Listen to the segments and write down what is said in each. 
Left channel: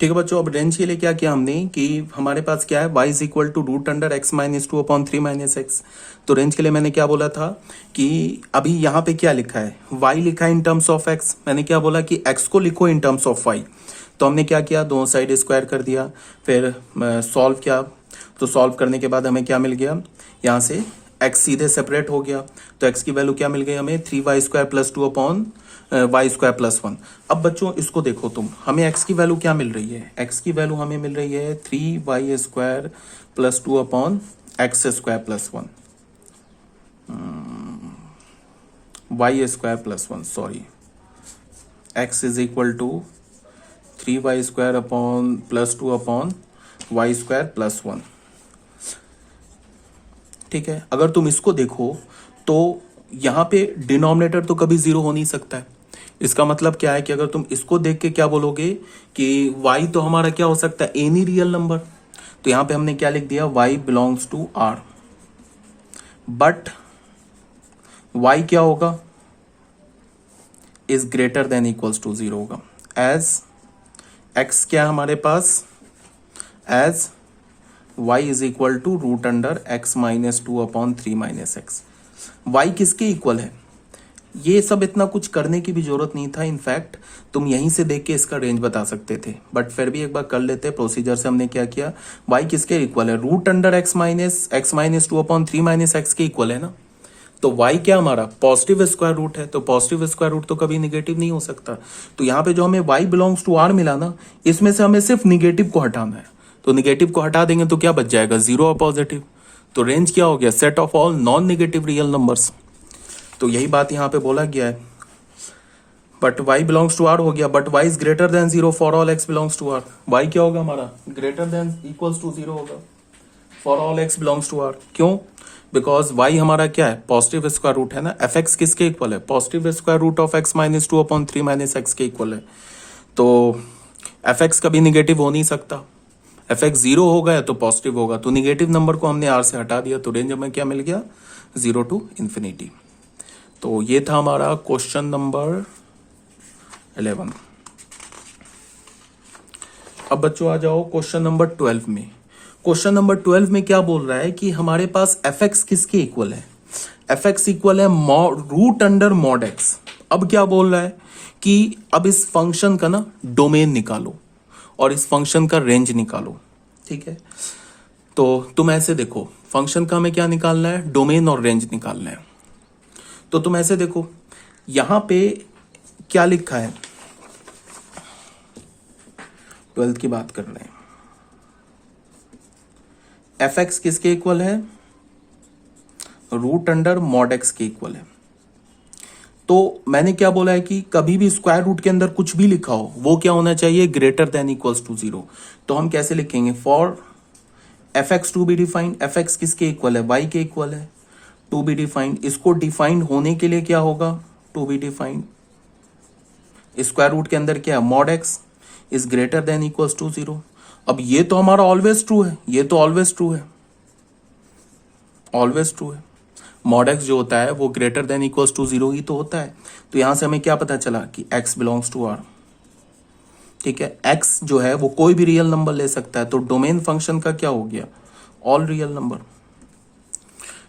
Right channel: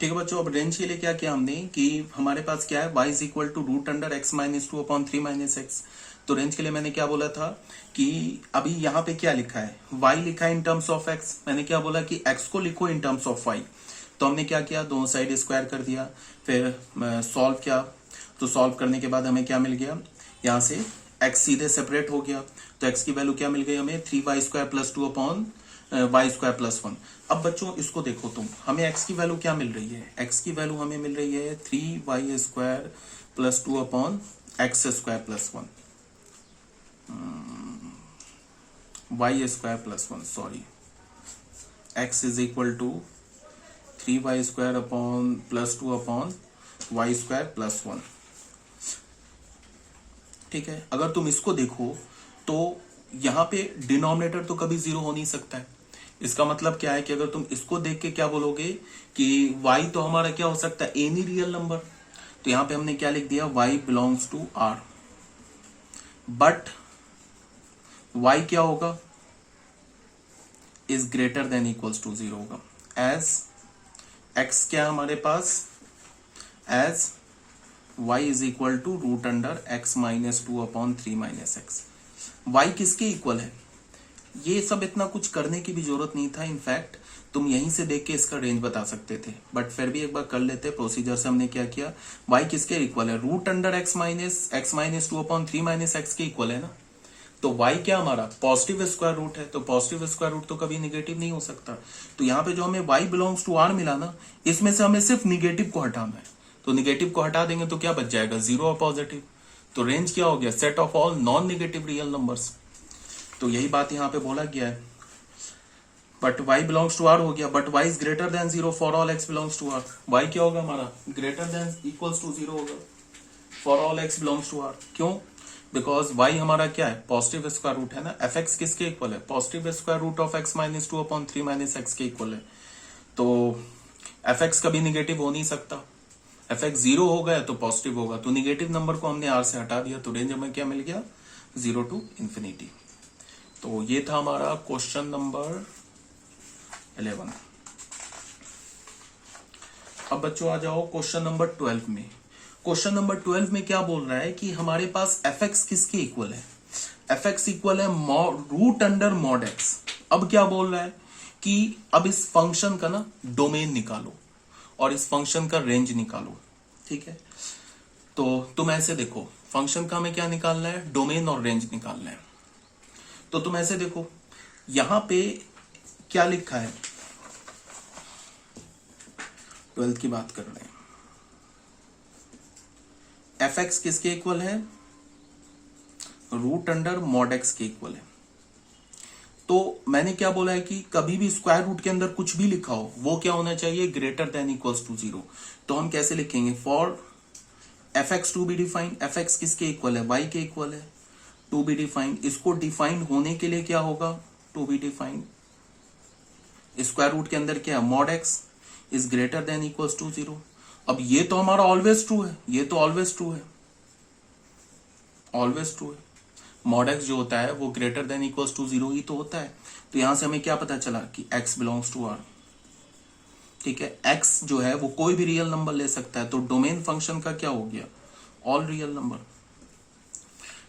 ठीक है बच्चों, अब रेंज के लिए क्या किया हमने कि हमारे पास क्या है, y is equal to root under x minus two upon three minus x. तो रेंज के लिए मैंने क्या बोला था कि अभी यहाँ पे क्या लिखा है, y लिखा है इन टर्म्स ऑफ x। मैंने क्या बोला कि x को लिखो इन टर्म्स ऑफ y। तो हमने क्या किया, दोनों साइड स्क्वायर कर दिया, फिर सॉल्व किया। तो सॉल्व करने के बाद हमें क्या मिल गया, यहाँ से x सीधे सेपरेट हो गया। तो x की वैल्यू क्या मिल गई हमें, 3y square plus two upon y square plus one. अब बच्चों इसको देखो तुम, हमें x की वैल्यू क्या मिल रही है, x की वैल्यू हमें मिल रही है 3y square plus two upon x square plus one, y square plus one, sorry, x is equal to 3y square upon plus two upon y square plus one. ठीक है, अगर तुम इसको देखो तो यहां पे डिनोमिनेटर तो कभी जीरो हो नहीं सकता है। इसका मतलब क्या है कि अगर तुम इसको देख के क्या बोलोगे कि y तो हमारा क्या हो सकता है, एनी रियल नंबर। तो यहां पे हमने क्या लिख दिया, y belongs to r, but y क्या होगा, is greater than equals to zero होगा। एज x क्या है हमारे पास, as y is equal to root under x minus two upon three minus x. y किसके इक्वल है, ये सब इतना कुछ करने की भी जरूरत नहीं था। इनफैक्ट तुम यहीं से देख के इसका रेंज बता सकते थे, बट फिर भी एक बार कर लेते। प्रोसीजर से हमने क्या किया, y किसके इक्वल है, root under x minus two upon three minus x के इक्वल है ना। तो y क्या हमारा पॉजिटिव स्क्वायर रूट है, तो पॉजिटिव स्क्वायर रूट तो कभी निगेटिव नहीं हो सकता। तो यहाँ पे जो हमें y बिलोंग्स टू r मिला ना, इसमें से हमें सिर्फ निगेटिव को हटाना है। तो निगेटिव को हटा देंगे तो क्या बच जाएगा, जीरो और पॉजिटिव। तो रेंज क्या हो गया, set of all non negative real numbers. तो यही बात यहाँ पे बोला गया है। But y belongs to r हो गया, but y is greater than zero for all x belongs to r। y क्या होगा हमारा, greater than equals to zero होगा for all x belongs to r। क्यों, बिकॉज y हमारा क्या है, पॉजिटिव स्क्वायर रूट है ना। fx किसके इक्वल है, positive square root of x minus two upon three minus x के इक्वल है। तो fx कभी निगेटिव हो नहीं सकता, fx जीरो होगा या तो पॉजिटिव होगा। तो निगेटिव नंबर को हमने r से हटा दिया, तो रेंज में क्या मिल गया, जीरो टू इंफिनिटी। तो ये था हमारा क्वेश्चन नंबर 11। अब बच्चों आ जाओ क्वेश्चन नंबर 12 में। क्वेश्चन नंबर 12 में क्या बोल रहा है कि हमारे पास fx किसके इक्वल है, fx इक्वल है रूट अंडर मॉड x। अब क्या बोल रहा है कि अब इस फंक्शन का ना डोमेन निकालो और इस फंक्शन का रेंज निकालो। ठीक है, तो तुम ऐसे देखो, फंक्शन का हमें क्या निकालना है, डोमेन और रेंज निकालना है। तो तुम ऐसे देखो, यहां पे क्या लिखा है, 12th की बात कर रहे हैं। fx किसके इक्वल है, रूट अंडर मॉड x के इक्वल है। तो मैंने क्या बोला है कि कभी भी स्क्वायर रूट के अंदर कुछ भी लिखा हो वो क्या होना चाहिए, greater than equals to zero. तो हम कैसे लिखेंगे, for fx to be defined, fx किसके इक्वल है, y के इक्वल है, टू बी डिफाइंड। इसको डिफाइंड होने के लिए क्या होगा, to be defined square root के अंदर क्या है, mod x is greater than equals to zero. अब ये तो हमारा ऑलवेज ट्रू है, ये तो ऑलवेज ट्रू है, ऑलवेज ट्रू है। मॉड x जो होता है वो greater than equals to zero ही तो होता है। तो यहां से हमें क्या पता चला कि x बिलोंग्स टू r। ठीक है, x जो है वो कोई भी रियल नंबर ले सकता है। तो डोमेन फंक्शन का क्या हो गया, ऑल रियल नंबर।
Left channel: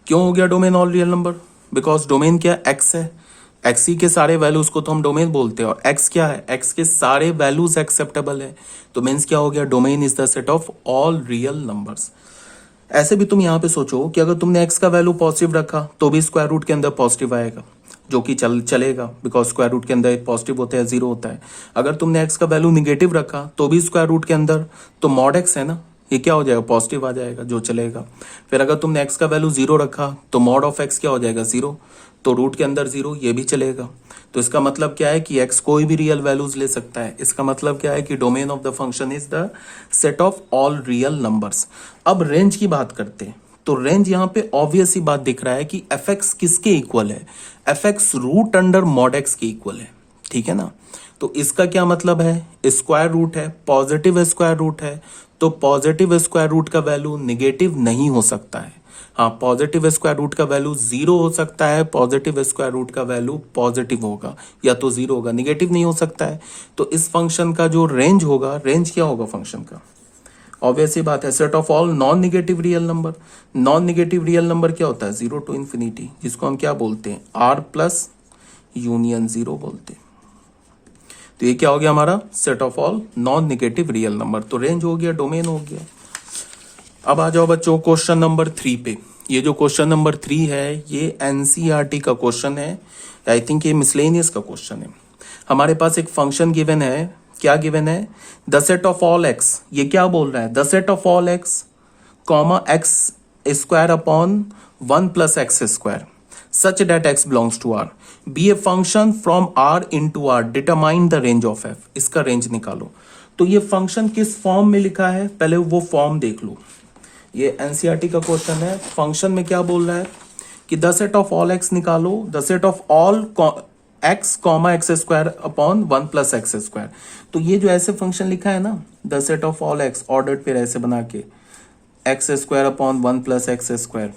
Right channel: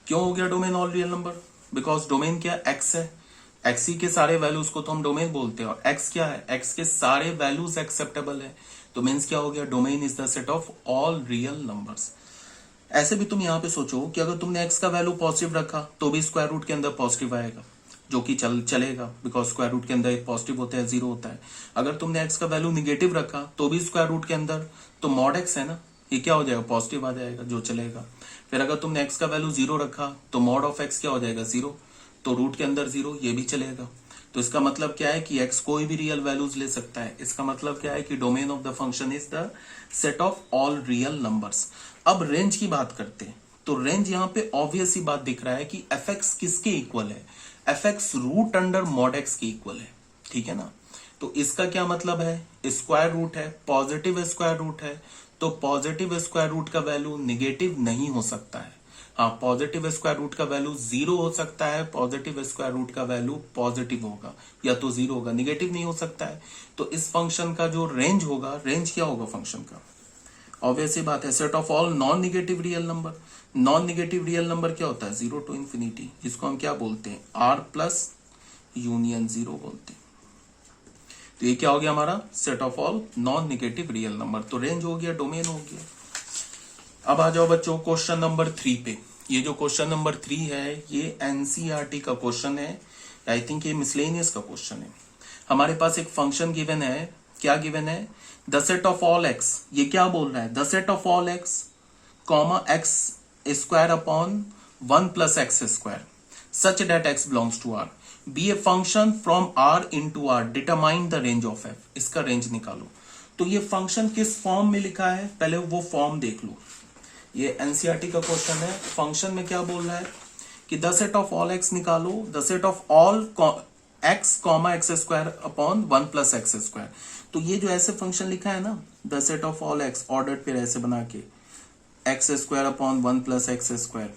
क्यों हो गया domain all real number, because domain क्या x है, x ही के सारे वैल्यूज को तो हम डोमेन बोलते हैं, और x क्या है, x के सारे वैल्यूज एक्सेप्टेबल है। तो मीन्स क्या हो गया, domain is the set of all real numbers. ऐसे भी तुम यहां पे सोचो कि अगर तुमने x का वैल्यू पॉजिटिव रखा तो भी स्क्वायर रूट के अंदर पॉजिटिव आएगा, जो कि चलेगा, बिकॉज स्क्वायर रूट के अंदर पॉजिटिव होता है, जीरो होता है। अगर तुमने x का वैल्यू निगेटिव रखा तो भी स्क्वायर रूट के अंदर, तो मॉड x है ना, ये क्या हो जाएगा, पॉजिटिव आ जाएगा, जो चलेगा। फिर अगर तुमने x का वैल्यू जीरो रखा तो मॉड ऑफ x क्या हो जाएगा, जीरो, तो रूट के अंदर जीरो, ये भी चलेगा। तो इसका मतलब क्या है कि x कोई भी रियल वैल्यूज ले सकता है। इसका मतलब क्या है कि domain of the function is the set of all real numbers. अब रेंज की बात करते हैं, तो रेंज यहां पे ऑब्वियस ही बात दिख रहा है कि fx किसके इक्वल है, fx root under mod x के इक्वल है। ठीक है ना, तो इसका क्या मतलब है, स्क्वायर रूट है, पॉजिटिव स्क्वायर रूट है, तो पॉजिटिव स्क्वायर रूट का वैल्यू निगेटिव नहीं हो सकता है। हाँ, पॉजिटिव स्क्वायर रूट का वैल्यू 0 हो सकता है, पॉजिटिव स्क्वायर रूट का वैल्यू पॉजिटिव होगा या तो 0 होगा, निगेटिव नहीं हो सकता है। तो इस फंक्शन का जो रेंज होगा, रेंज क्या होगा फंक्शन का? ऑब्वियस सी बात है, set of all non negative real number. Non negative real number क्या होता है? 0 टू इंफिनिटी, जिसको हम क्या बोलते हैं? R प्लस यूनियन 0 बोलते हैं। तो ये क्या हो गया हमारा? Set of all non negative real number. तो रेंज हो गया, डोमेन हो गया। अब आ जाओ बच्चों क्वेश्चन नंबर 3 पे। ये जो क्वेश्चन नंबर 3 है, ये एनसीईआरटी का क्वेश्चन है। आई थिंक ये मिसलेनियस का क्वेश्चन है। हमारे पास एक फंक्शन गिवन है। क्या गिवन है? The set of all x. ये क्या बोल रहा है? The set of all x comma x square upon 1 plus x square such that x belongs to R be a function from R into R determine the range of f. इसका range निकालो। तो ये function किस form में लिखा है, पहले वो फॉर्म देख लो। ये एनसीईआरटी का क्वेश्चन है। फंक्शन में क्या बोल रहा है कि the set of all x निकालो, the set of all x comma x square upon 1 plus x square. तो ये जो ऐसे फंक्शन लिखा है ना, the set of all x ordered pair ऐसे बना के, x square upon 1 plus x square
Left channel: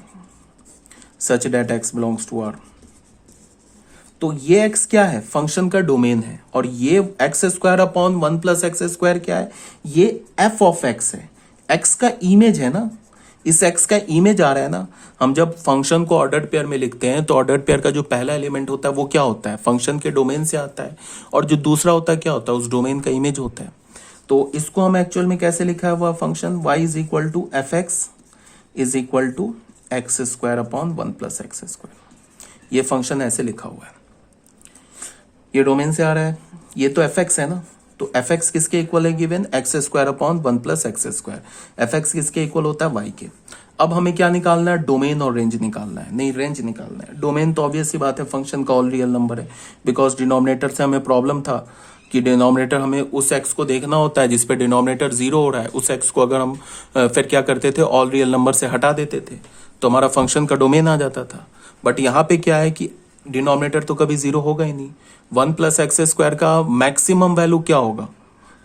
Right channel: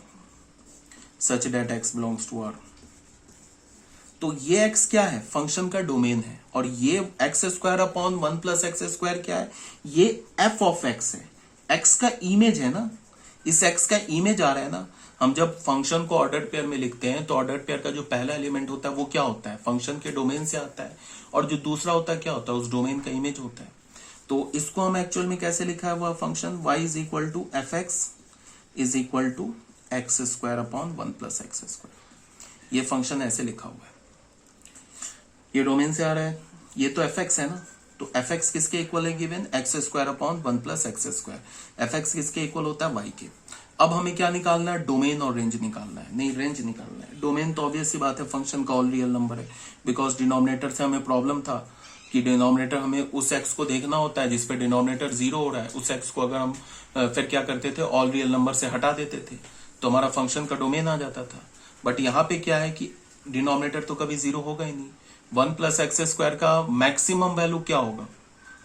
such that x belongs to R. तो ये एक्स क्या है? फंक्शन का डोमेन है। और ये x square upon 1 plus x square क्या है? ये एफ ऑफ एक्स है। एक्स का इमेज है ना, इस एक्स का इमेज आ रहा है ना। हम जब फंक्शन को ऑर्डर्ड पेयर में लिखते हैं तो ऑर्डर्ड पेयर का जो पहला एलिमेंट होता है वो क्या होता है? फंक्शन के डोमेन से आता है। और जो दूसरा होता है क्या होता है? उस डोमेन का इमेज होता है। तो इसको हम एक्चुअल में कैसे लिखा है? वह function y is equal to f x is equal to x square upon 1 plus x square. ये फंक्शन ऐसे लिखा हुआ है। ये डोमेन से आ रहा है, ये तो एफ एक्स है ना। तो एफ एक्स किसके इक्वल है given? X square upon 1 plus x square. F x किसके इक्वल होता है? वाई के। अब हमें क्या निकालना है? डोमेन और रेंज निकालना है। नहीं, रेंज निकालना है। डोमेन तो ऑब्वियस सी बात है, फंक्शन का ऑल रियल नंबर है। बिकॉज डिनोमिनेटर से हमें प्रॉब्लम था कि डिनोमिनेटर हमें उस एक्स को देखना होता है जिसपे डिनोमिनेटर 0 हो रहा है। उस एक्स को अगर हम फिर क्या करते थे? ऑल रियल नंबर से हटा देते थे तो हमारा फंक्शन का डोमेन आ जाता था। बट यहाँ पे क्या है कि डिनोमिनेटर तो कभी 0 होगा ही नहीं। 1 प्लस एक्स स्क्वायर का मैक्सिमम वैल्यू क्या होगा?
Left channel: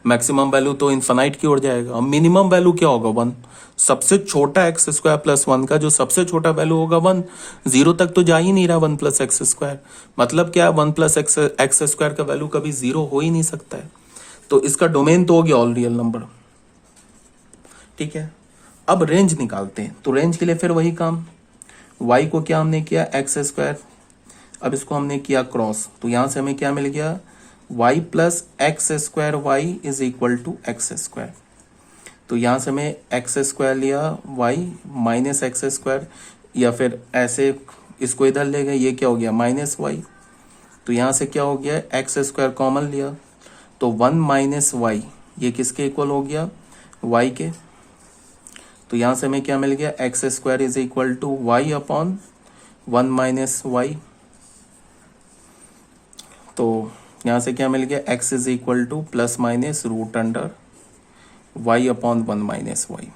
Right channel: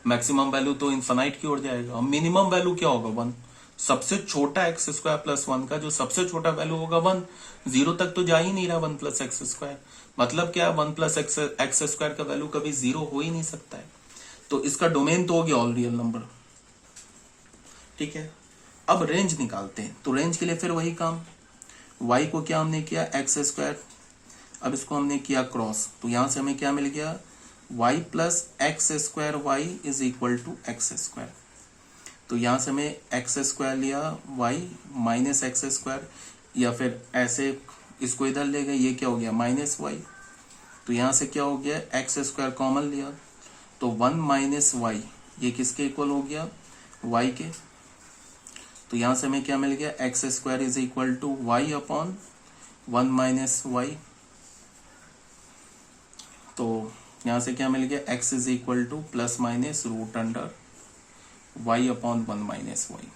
मैक्सिमम वैल्यू तो इन्फानाइट की ओर जाएगा। मिनिमम वैल्यू क्या होगा? 1। सबसे छोटा एक्स स्क्वायर प्लस 1 का जो सबसे छोटा वैल्यू होगा 1। 0 तक तो जा ही नहीं रहा 1 प्लस एक्स स्क्वायर। मतलब क्या? 1 प्लस एक्स स्क्वायर का वैल्यू कभी 0 हो ही नहीं सकता है। तो इसका डोमेन तो हो गया ऑल रियल नंबर। ठीक है, अब रेंज निकालते हैं। तो रेंज के लिए फिर वही काम, y को क्या हमने किया? X square. अब इसको हमने किया क्रॉस, तो यहां से हमें क्या मिल गया? y plus x square y is equal to x square. तो यहां से हमें एक्स स्क्वायर लिया, y माइनस एक्स स्क्वायर, या फिर ऐसे इसको इधर ले गए, ये क्या हो गया? Minus y. तो यहां से क्या हो गया? एक्स स्क्वायर कॉमन लिया तो 1 माइनस वाई, ये किसके इक्वल हो गया? y के। तो यहां से हमें क्या मिल गया? X square is equal to y upon 1 minus y. तो यहां से क्या मिल गया? x is equal to plus minus root under y upon 1 minus y.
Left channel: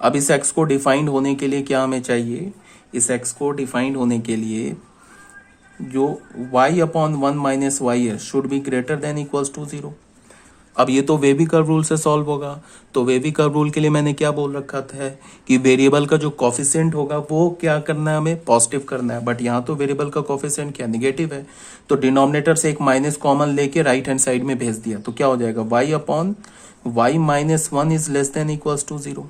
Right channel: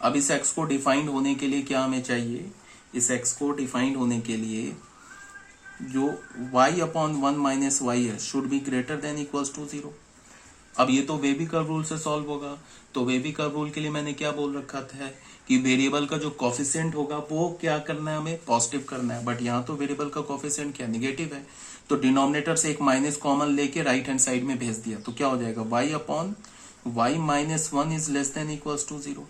अब इस x को डिफाइंड होने के लिए क्या हमें चाहिए? इस x को डिफाइंड होने के लिए जो y अपॉन 1 माइनस वाई है should be greater than equals to 0। अब ये तो वेवी कर्व रूल से सॉल्व होगा। तो वेवी कर्व रूल के लिए मैंने क्या बोल रखा था कि वेरिएबल का जो कॉफिशिएंट होगा वो क्या करना है? हमें पॉजिटिव करना है। बट यहाँ तो वेरिएबल का कॉफिशिएंट क्या? निगेटिव है। तो डिनोमिनेटर से एक माइनस कॉमन लेके राइट हैंड साइड में भेज दिया तो क्या हो जाएगा? y upon y minus 1 is less than equals to 0।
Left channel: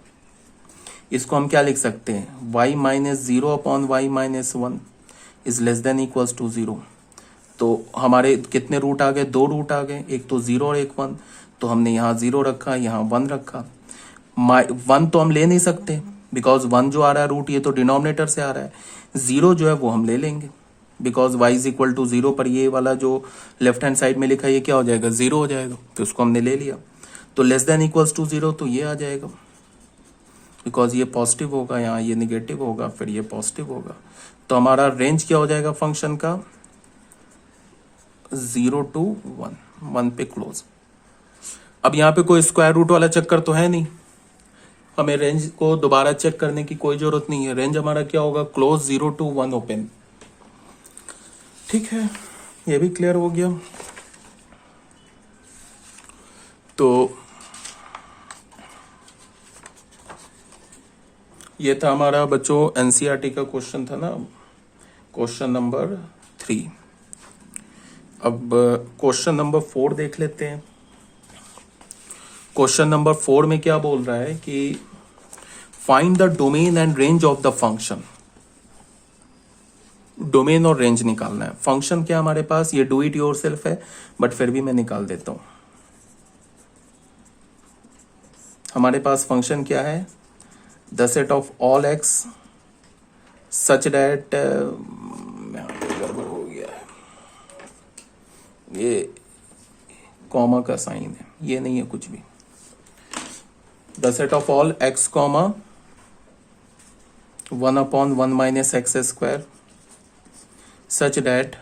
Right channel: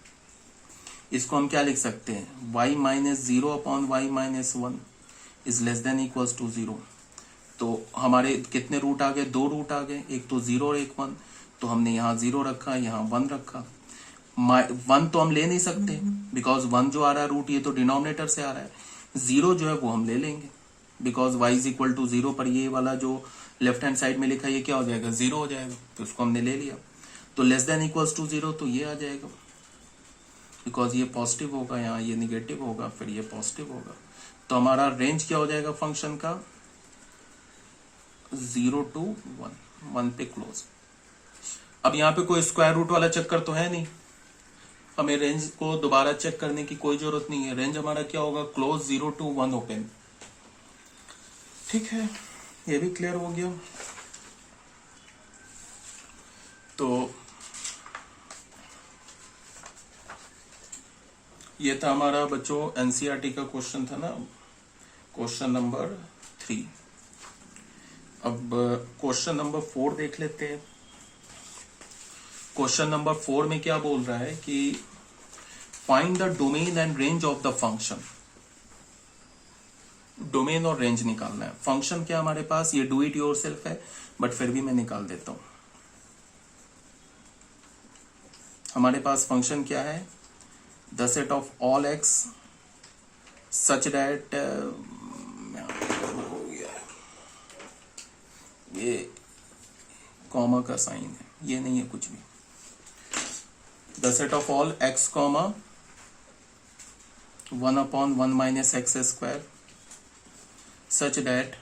इसको हम क्या लिख सकते हैं? y minus 0 upon y minus 1 is less than equals to 0। तो हमारे कितने रूट आ गए? 2 रूट आ गए, एक तो 0 और एक 1। तो हमने यहाँ 0 रखा, यहाँ 1 रखा। 1 तो हम ले नहीं सकते बिकॉज 1 जो आ रहा है रूट, ये तो डिनोमिनेटर से आ रहा है। 0 जो है वो हम ले लेंगे because y is equal to 0 पर ये वाला जो लेफ्ट हैंड साइड में लिखा है ये क्या हो जाएगा? 0 हो जाएगा। तो उसको हमने ले लिया। तो लेस देन इक्वल्स टू 0 तो ये आ जाएगा बिकॉज ये पॉजिटिव होगा, यहाँ ये निगेटिव होगा, फिर ये पॉजिटिव होगा। तो हमारा रेंज क्या हो जाएगा फंक्शन का? 0 टू 1 पे क्लोज। अब यहाँ पे कोई स्क्वायर रूट वाला चक्कर तो है नहीं, हमें रेंज को दोबारा चेक करने की कोई जरूरत नहीं है। रेंज हमारा क्या होगा? Close 0 to 1 open. ठीक है, ये भी क्लियर हो गया। तो ये था हमारा बच्चों एनसीईआरटी का क्वेश्चन था ना, क्वेश्चन नंबर 3। अब क्वेश्चन नंबर 4 देख लेते हैं। क्वेश्चन नंबर 4 में क्या बोल रहा है कि find the domain and range of the function. Domain और रेंज निकालना है। फंक्शन क्या हमारे पास, ये डू इट योरसेल्फ है, बट फिर भी मैं निकाल देता हूं। हमारे पास फंक्शन क्या है, the set of all x such that, हो गया ये कॉमा का साइन है, ये नहीं है कुछ भी। The set of all x comma 1/1 minus x square such that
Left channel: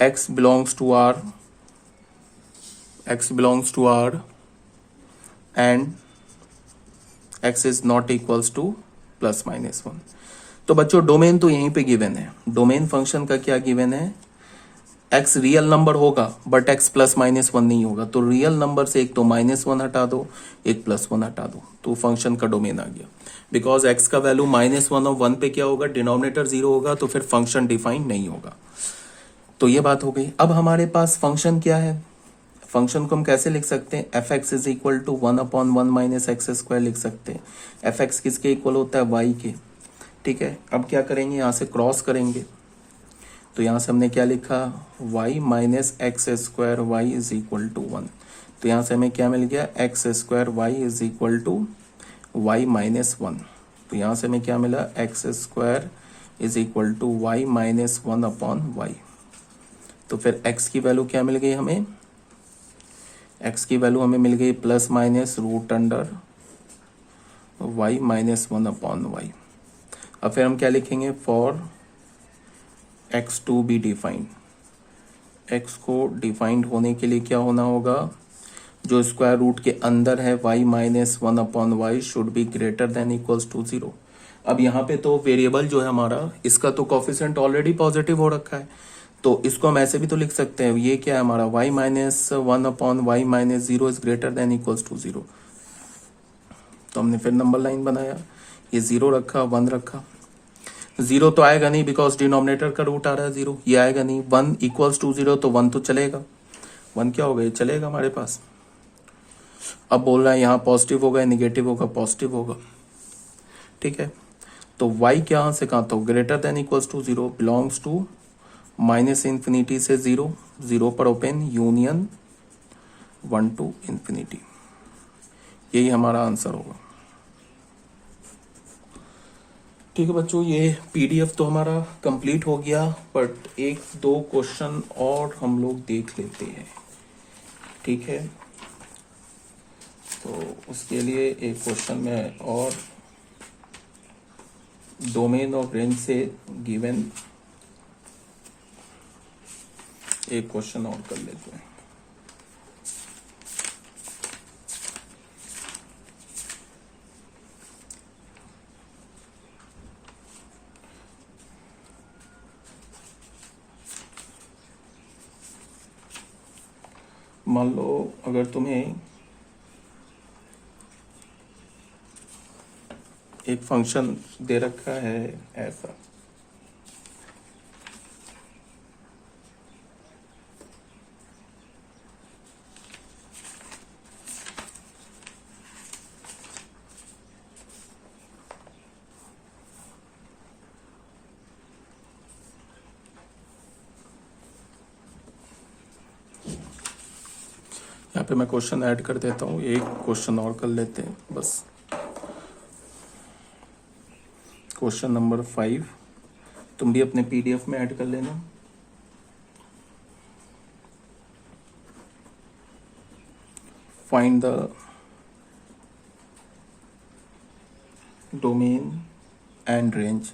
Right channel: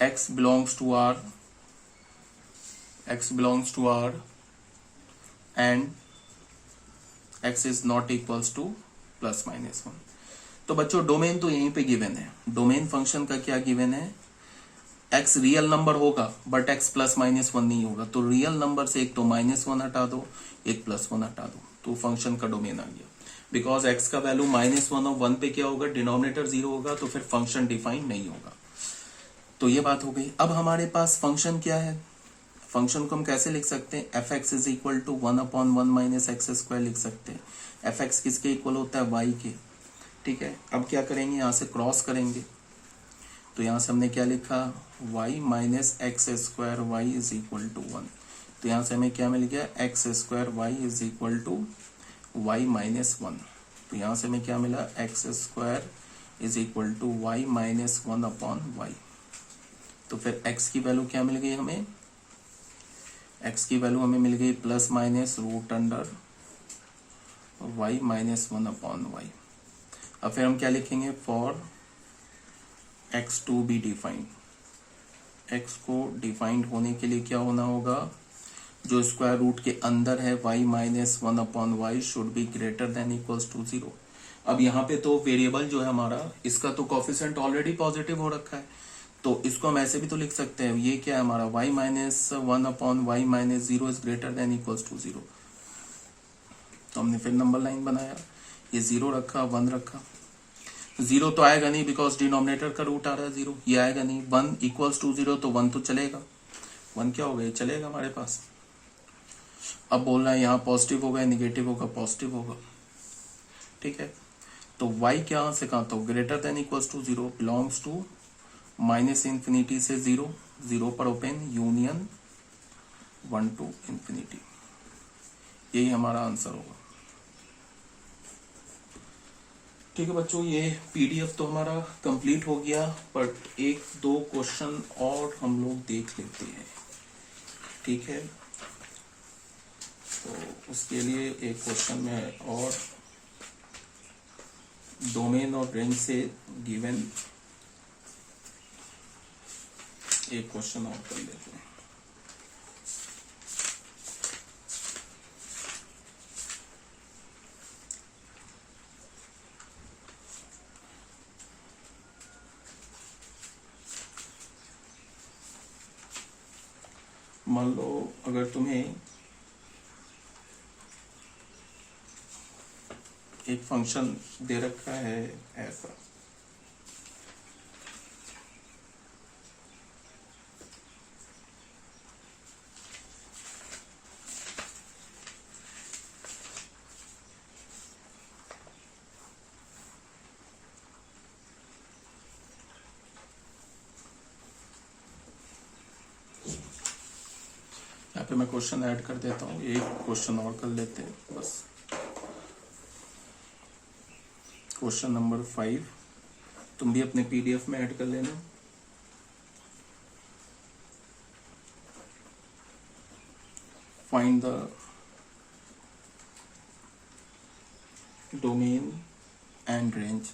x belongs to R and x is not equals to plus minus 1। तो बच्चों डोमेन तो यहीं पे गिवन है। डोमेन फंक्शन का क्या गिवन है, x रियल नंबर होगा बट x प्लस माइनस 1 नहीं होगा। तो रियल नंबर से एक तो -1 हटा दो, एक +1 हटा दो, तो फंक्शन का डोमेन आ गया। बिकॉज x का वैल्यू -1 और 1 पे क्या होगा, डिनोमिनेटर 0 होगा, तो फिर फंक्शन डिफाइंड नहीं होगा। तो ये बात हो गई। अब हमारे पास फंक्शन क्या है, फंक्शन को हम कैसे लिख सकते हैं, f x is equal to 1/1 minus x square लिख सकते हैं। एफ एक्स किसके इक्वल होता है, वाई के। ठीक है, अब क्या करेंगे, यहां से क्रॉस करेंगे। तो यहां से हमने क्या लिखा, y minus x square y is equal to 1। तो यहां से हमें क्या मिल गया, x square y is equal to y minus 1। तो यहां से हमें क्या मिला, x square is equal to y minus 1/y। तो फिर x की वैल्यू क्या मिल गई हमें, x की वैल्यू हमें मिल गई plus minus root under y minus 1/y। अब फिर हम क्या लिखेंगे, for x to be defined. x को डिफाइंड होने के लिए क्या होना होगा, जो स्क्वायर रूट के अंदर है y minus 1/y should be greater than equals to 0। अब यहाँ पे तो वेरिएबल जो है हमारा, इसका तो कोफिशिएंट ऑलरेडी पॉजिटिव हो रखा है, तो इसको हम ऐसे भी तो लिख सकते हैं, ये क्या है हमारा y minus 1/y minus 0 is greater than equals to 0। तो हमने फिर नंबर लाइन बनाया, ये 0 रखा, 1 रखा। 0 तो आएगा नहीं बिकॉज डिनोमिनेटर का रूट आ रहा है 0, ये आएगा नहीं। 1 इक्वल्स टू 0, तो 1 तो चलेगा, 1 क्या होगा, ये चलेगा हमारे पास। अब बोल रहा है यहाँ पॉजिटिव होगा, निगेटिव होगा, पॉजिटिव होगा। ठीक है, तो y क्या से कहा, तो greater than equals to 0 belongs to minus infinity से 0, 0 पर ओपन यूनियन 1 टू इंफिनिटी। यही हमारा आंसर होगा। ठीक है बच्चों, ये पीडीएफ तो हमारा कंप्लीट हो गया, बट एक दो क्वेश्चन और हम लोग देख लेते हैं। ठीक है, तो उसके लिए एक क्वेश्चन में और डोमेन और रेंज से गिवन एक क्वेश्चन और कर लेते हैं। मान लो अगर तुम्हें एक फंक्शन दे रखा है ऐसा, यहाँ पे मैं क्वेश्चन ऐड कर देता हूँ, एक क्वेश्चन और कर लेते हैं बस। क्वेश्चन नंबर 5 तुम भी अपने पीडीएफ में ऐड कर लेना। Find the domain and range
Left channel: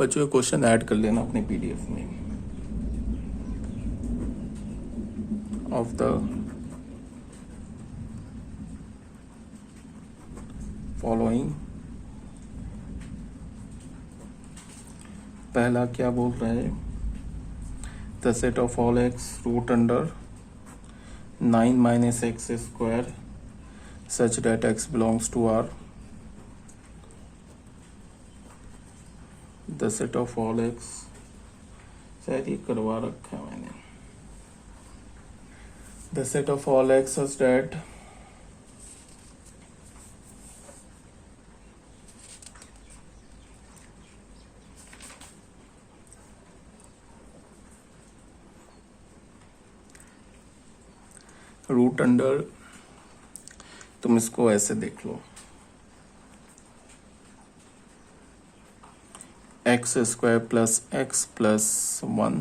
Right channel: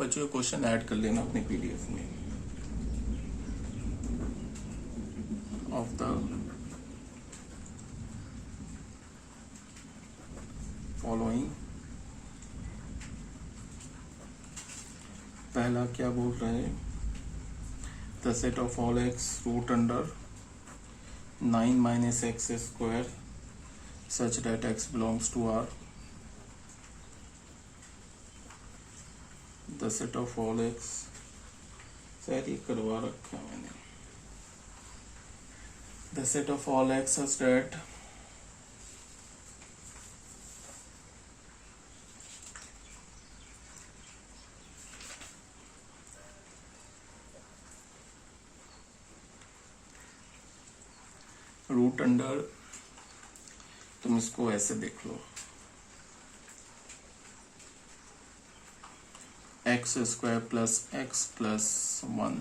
बच्चों ये क्वेश्चन ऐड कर लेना अपने पीडीएफ में। ऑफ द फॉलोइंग, पहला क्या बोल रहा है, the set of all x root under 9 minus x square such that x belongs to R, the set of all x, शायद ये करवा रखा है मैंने, the set of all x such that root under, तुम इसको ऐसे देख लो, x square plus x plus 1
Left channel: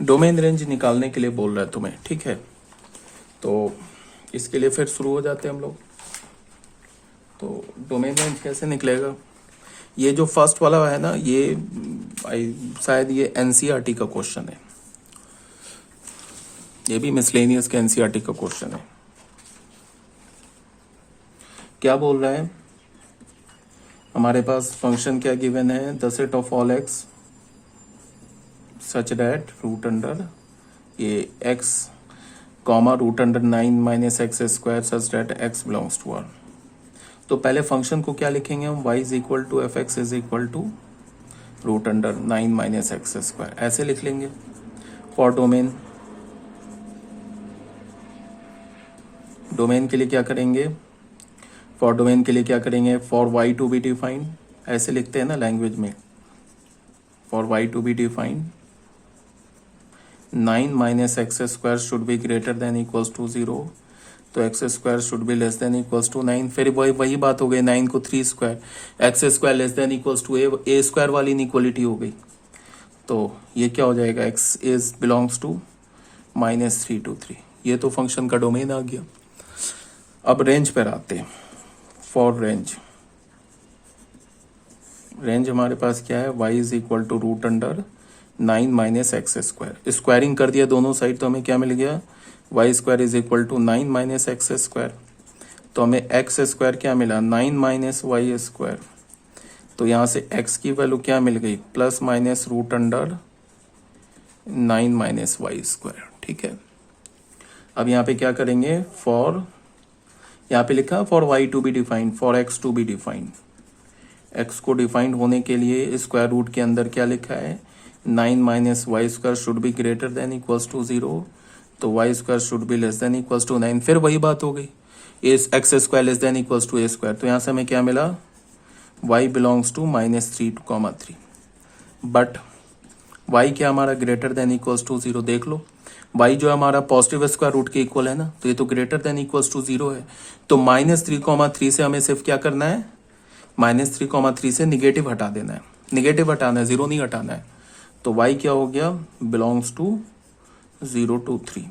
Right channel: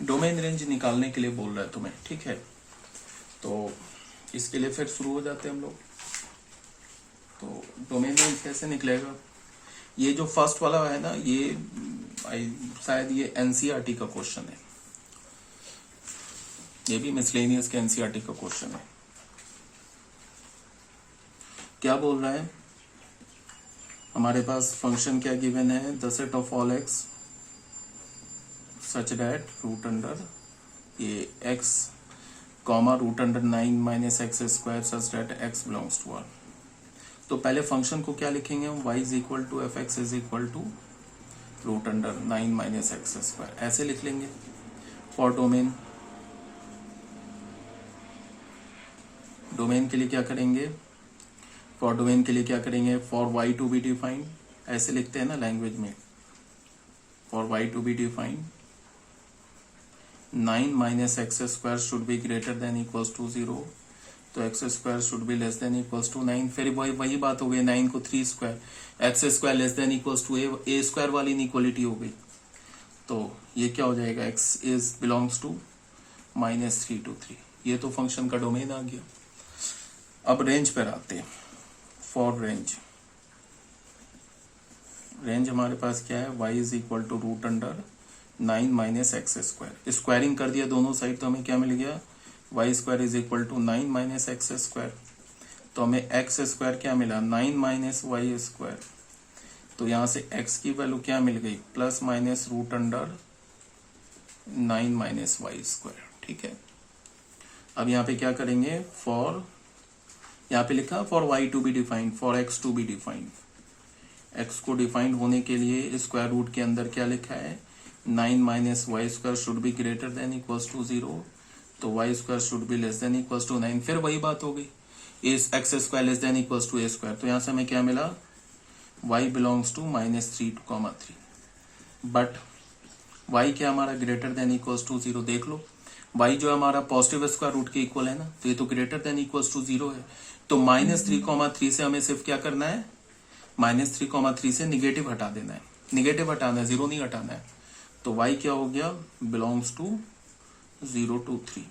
domain range निकालने के लिए बोल रहा है तुम्हें, ठीक है। तो इसके लिए फिर शुरू हो जाते हैं हम लोग। तो डोमेन रेंज कैसे निकलेगा, ये जो फर्स्ट वाला है ना, ये शायद ये एनसीईआरटी का क्वेश्चन है, ये भी मिसलेनियस के एनसीईआरटी का क्वेश्चन है। क्या बोल रहा है, हमारे पास फंक्शन क्या गिवन है, the set of all x such that root under ये x comma root under 9 minus x square such that x belongs to R। तो पहले फंक्शन को क्या लिखेंगे हम, y is equal to f x is equal to root under 9 minus x square, ऐसे लिख लेंगे। फॉर डोमेन, डोमेन के लिए क्या करेंगे, फॉर डोमेन के लिए क्या करेंगे, for y to be defined, ऐसे लिखते हैं ना लैंग्वेज में, for y to be defined 9 minus x square should be greater than equals to 0, तो x square should be less than equals to 9। फिर वही बात हो गई, 9 को 3 square, x square less than equals to a square वाली inequality हो गई। तो ये क्या हो जाएगा, x is belongs to -3 to 3, ये तो फंक्शन का डोमेन आ गया। अब रेंज पर आते हैं। फॉर रेंज, रेंज हमारे पास क्या है, y is equal to root under 9 minus x square, squaring कर दिया दोनों साइड, तो हमें क्या मिल गया, y square is equal to 9 minus x square, तो हमें एक्स स्क्वायर क्या मिला, 9 माइनस वाई स्क्वायर, तो यहां से x की वैल्यू क्या मिल गई, plus minus root under 9 minus y square, ठीक है। अब यहाँ पे क्या करेंगे, फॉर, यहाँ पे लिखा for y to be defined, for x to be defined, x को डिफाइंड होने के लिए स्क्वायर रूट के अंदर क्या लिखा है, 9 minus y square should be greater than equals to 0, तो y square should be less than equals to 9। फिर वही बात हो गई, x square less than equals to a square, तो यहां से हमें क्या मिला, y belongs to -3, but y क्या हमारा ग्रेटर देन इक्वल्स टू 0, देख लो y जो हमारा पॉजिटिव स्क्वायर रूट के इक्वल है ना, तो ये तो ग्रेटर देन इक्वल्स टू 0 है, तो -3, से हमें सिर्फ क्या करना है, -3, से निगेटिव हटा देना है, निगेटिव हटाना है, 0 नहीं हटाना है। तो y क्या हो गया, बिलोंग्स टू 0 to 3,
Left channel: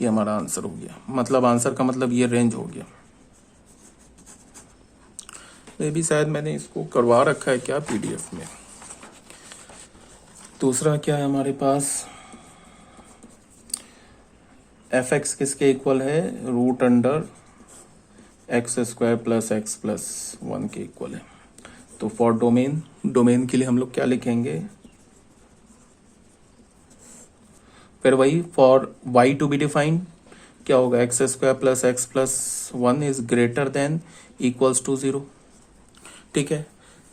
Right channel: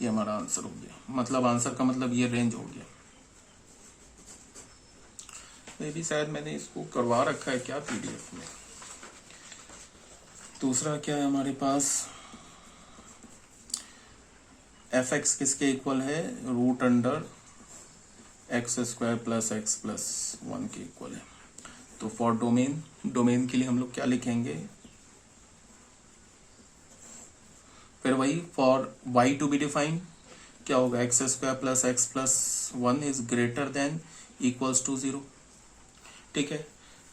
ये हमारा आंसर हो गया। मतलब आंसर का मतलब ये रेंज हो गया। मे भी शायद मैंने इसको करवा रखा है क्या पीडीएफ में। दूसरा क्या है हमारे पास, एफ एक्स किसके इक्वल है, root under x square plus x plus 1 के इक्वल है। तो फॉर डोमेन, डोमेन के लिए हम लोग क्या लिखेंगे, फिर वही for y to be defined क्या होगा, x square plus x plus 1 is greater than equals to 0, ठीक है।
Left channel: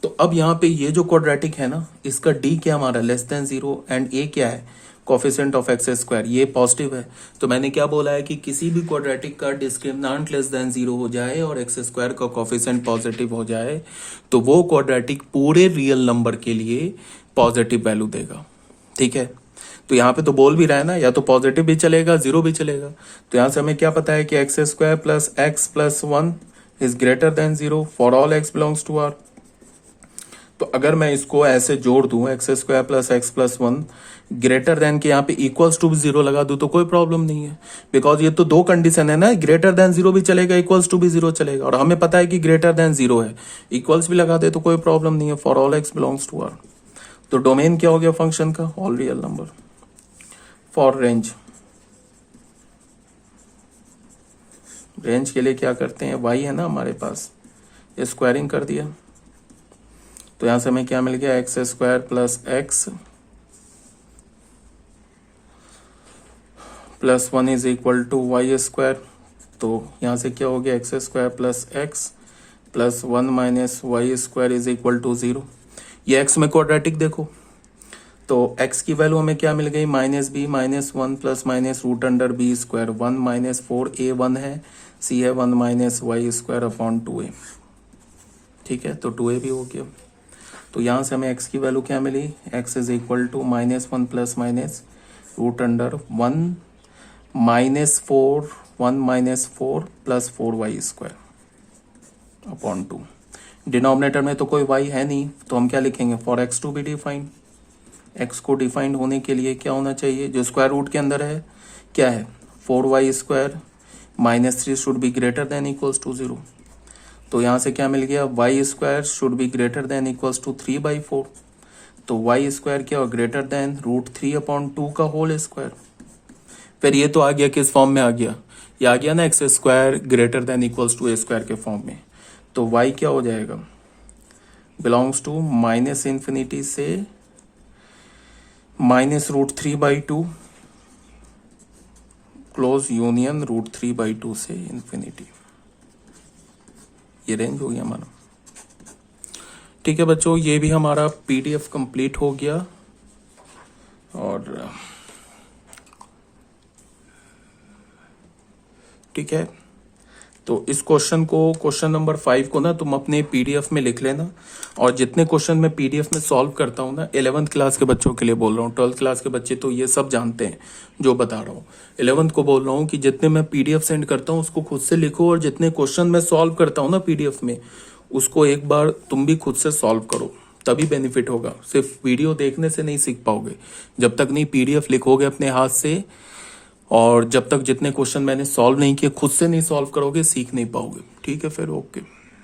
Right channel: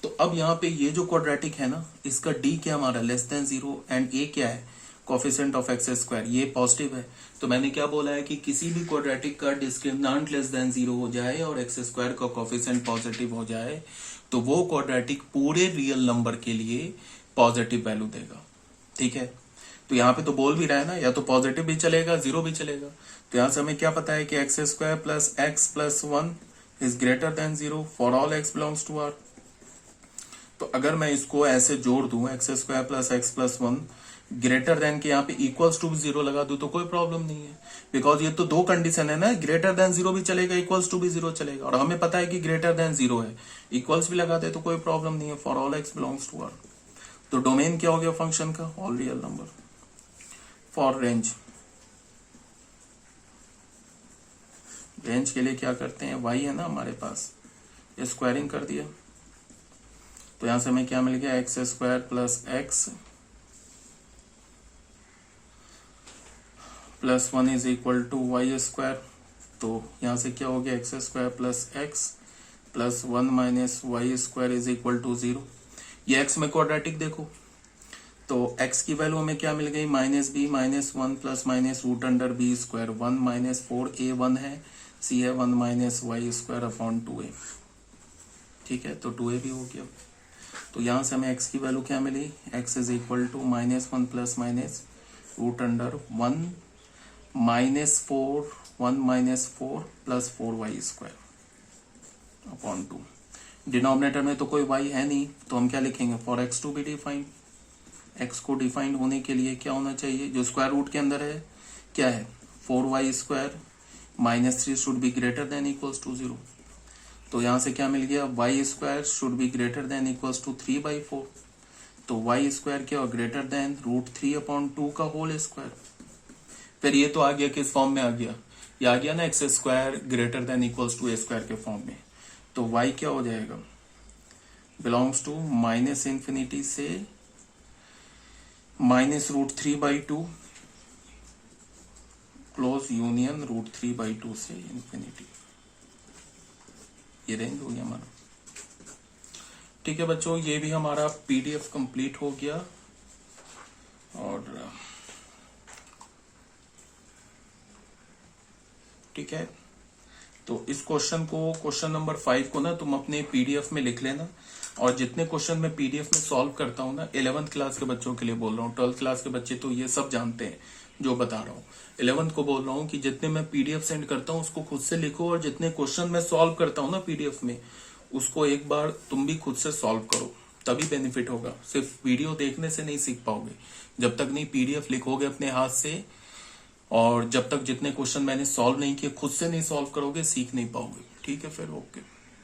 तो अब यहाँ पे ये जो क्वाड्रेटिक है ना, इसका d क्या हमारा लेस देन 0 एंड a क्या है, कोफिशिएंट ऑफ एक्स स्क्वायर, ये पॉजिटिव है। तो मैंने क्या बोला है कि किसी भी क्वाड्रेटिक का डिस्क्रिमिनेंट लेस देन 0 हो जाए और एक्स स्क्वायर का कोफिशिएंट पॉजिटिव हो जाए, तो वो क्वाड्रेटिक पूरे रियल नंबर के लिए पॉजिटिव वैल्यू देगा, ठीक है। तो यहाँ पे तो बोल भी रहा है ना, या तो पॉजिटिव भी चलेगा, 0 भी चलेगा। तो यहाँ से हमें क्या पता है कि x square plus x plus 1 is greater than 0 for all x belongs to R. तो अगर मैं इसको ऐसे जोड़ दूं, x square plus x plus 1 greater than के यहाँ पे इक्वल्स टू भी 0 लगा दूं, तो कोई प्रॉब्लम नहीं है, बिकॉज ये तो दो कंडीशन है ना, ग्रेटर देन 0 भी चलेगा, इक्वल्स टू भी 0 चलेगा, और हमें पता है कि ग्रेटर देन 0 है, इक्वल्स भी लगा दे तो कोई प्रॉब्लम नहीं है, for all x belongs to R. तो डोमेन क्या हो गया फंक्शन का, all real number. For range, range के लिए क्या करते हैं, y है ना हमारे पास, ये स्क्वायरिंग कर दिया, तो यहां से हमें क्या मिल गया, x square plus x plus 1 is equal to y square. तो यहां से क्या हो गया, x square plus x plus 1 minus y square is equal to 0। ये एक्स में क्वाड्रेटिक देखो, तो x की वैल्यू हमें क्या मिल गई, minus B minus 1 plus minus root under B square, 1 minus 4a 1 है, c है 1 minus y square upon 2a। ठीक है, तो 2a भी हो गया। तो यहां से हमें x की वैल्यू क्या मिली, x is equal to minus 1 plus minus root under 1 minus 4 plus 4y square upon 2। Denominator में तो कोई y है नहीं, तो हम क्या लिखेंगे, for x to be defined. x को डिफाइंड होने के लिए क्या होना चाहिए, जो स्क्वायर रूट के अंदर है क्या है, 4y square minus 3 should be greater than equals to 0। तो यहां से क्या मिल गया, y square should be greater than equals to 3/4। तो y स्क्वायर क्या हो, ग्रेटर देन √3/2 का होल स्क्वायर। फिर ये तो आ गया किस फॉर्म में आ गया, ये आ गया ना X square greater than equals to a square के फॉर्म में। तो y क्या हो जाएगा, बिलोंग्स टू माइनस इंफिनिटी से माइनस √3/2 क्लोज यूनियन √3/2 से इंफिनिटी। ये रेंज हो गया हमारा। ठीक है बच्चों, ये भी हमारा पीडीएफ कंप्लीट हो गया। और ठीक है, तो इस क्वेश्चन को, क्वेश्चन नंबर 5 को ना तुम अपने पीडीएफ में लिख लेना। और जितने क्वेश्चन मैं पीडीएफ में सॉल्व करता हूँ ना, 11th क्लास के बच्चों के लिए बोल रहा हूँ, 12th क्लास के बच्चे तो ये सब जानते हैं जो बता रहा हूँ। 11th को बोल रहा हूँ कि जितने मैं पीडीएफ सेंड करता हूँ उसको खुद से लिखो, और जितने क्वेश्चन मैं सॉल्व करता हूँ ना पीडीएफ में, उसको एक बार तुम भी खुद से सॉल्व करो, तभी बेनिफिट होगा। सिर्फ वीडियो देखने से नहीं सीख पाओगे, जब तक नहीं पीडीएफ लिखोगे अपने हाथ से, और जब तक जितने क्वेश्चन मैंने सॉल्व नहीं किए खुद से नहीं सॉल्व करोगे, सीख नहीं पाओगे। ठीक है, फिर ओके।